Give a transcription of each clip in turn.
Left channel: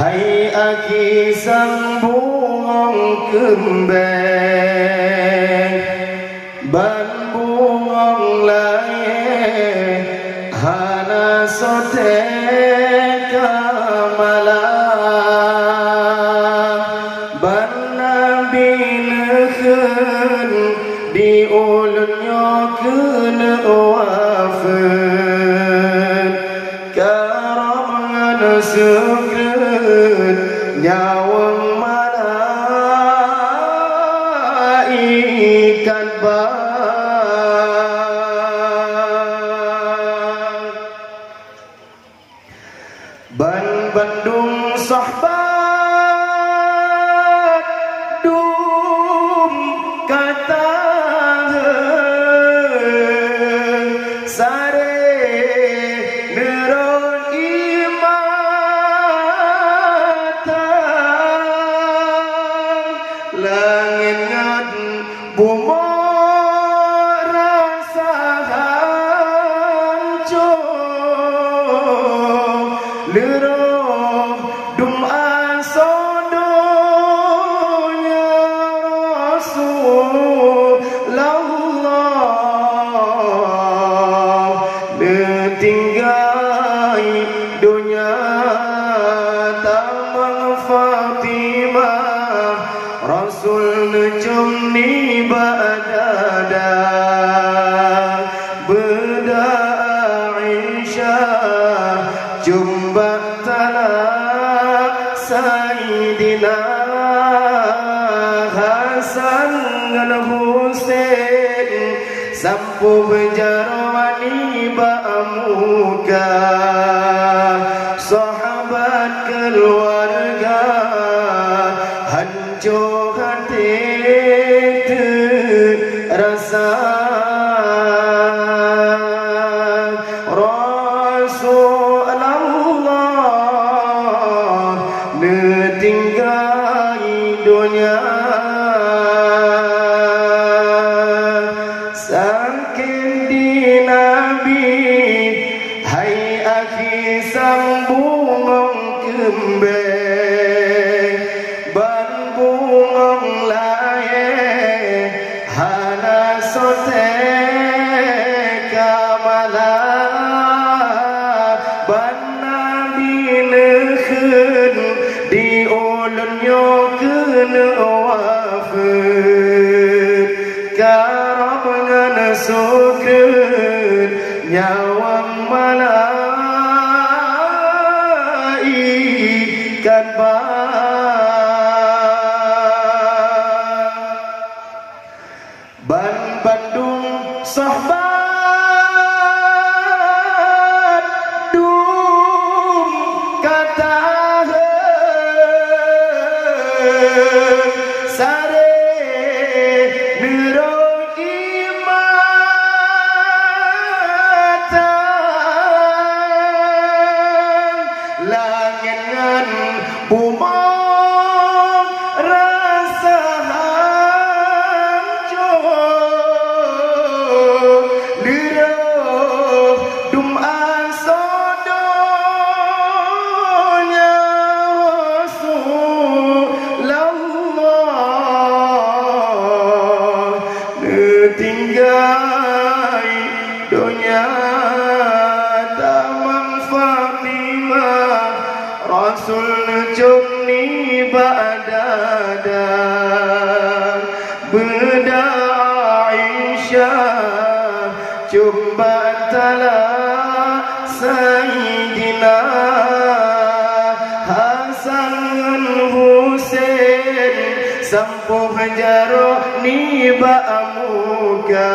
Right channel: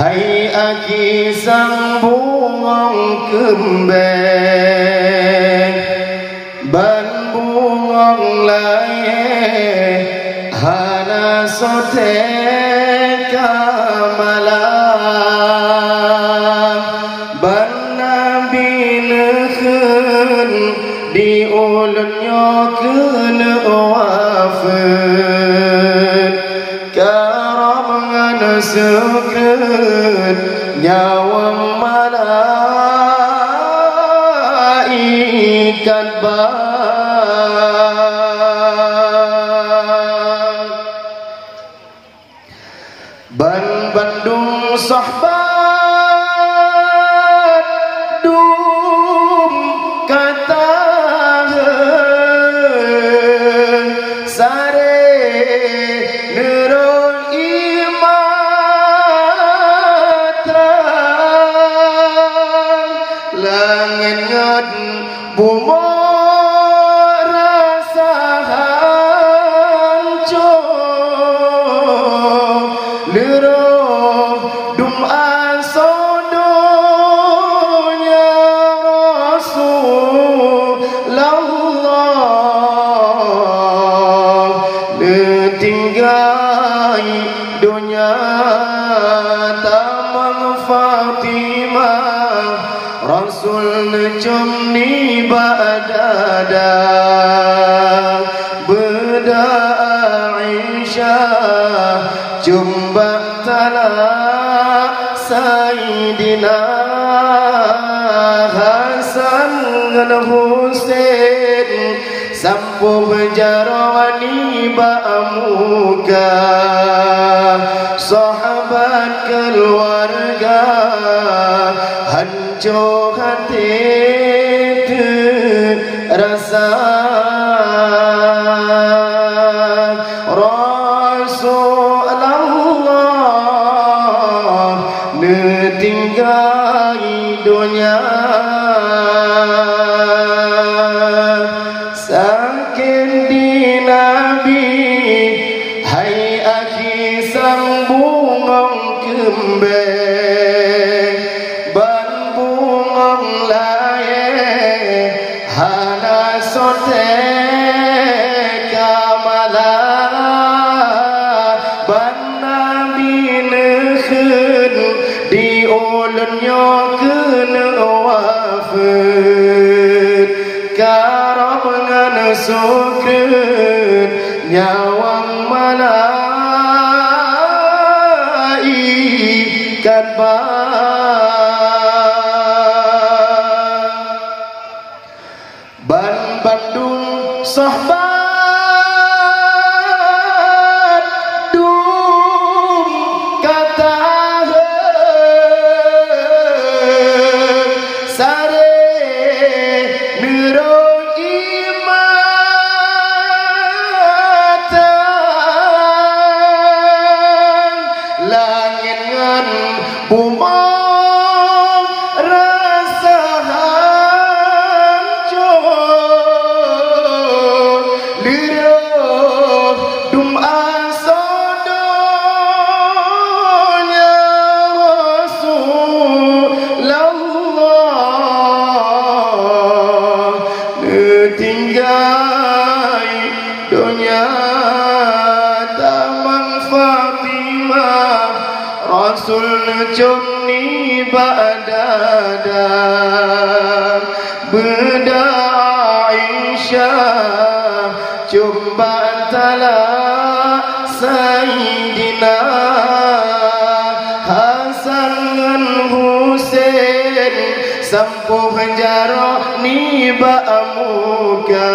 Hai aki sang buang kembang ban buang laye hana sote kamala ban nabi lekhen di ulunnya kele wafat karam sukun nyawa malaikat ban bandung sahabat dum kata sare nerol imatra langit ngat bumo rasa hancur lerom dum asodonya Rasulullah letinggai dunia tamang Fatimah Rasul necum ni badada beda Aisyah jumpa talak Sayyidina Hasan dan Husain sampu berjarawani ba'amuka sahabat keluarga hancur hati terasa Rasulullah netinggai dunia saking di Nabi hai aki sang bungong kembang ban bungong laye hana sote kamala ban nabi nekhen di ulunnya kena wafat karabna sukun nyawang malaikat ban bandung sahabat dum kata sare nerol imatan langit ngan bumong rasa hancur liruh dum asodonya Rasulullah tinggai dunia tamang Fatimah Rasul necum ni badada beda Aisyah jumpa talak Sayyidina Hasan dan Husain sampu penjara ni ba'amuka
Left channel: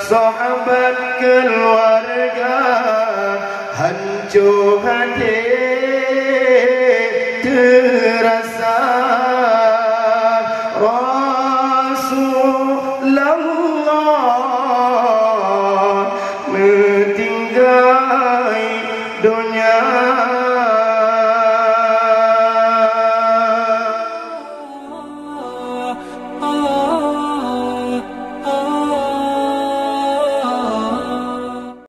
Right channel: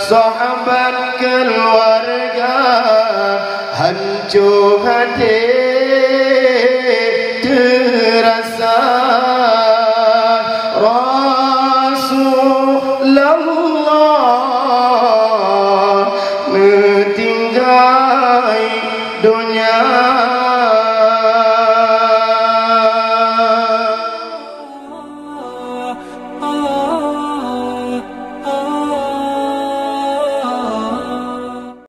sahabat keluarga hancur hati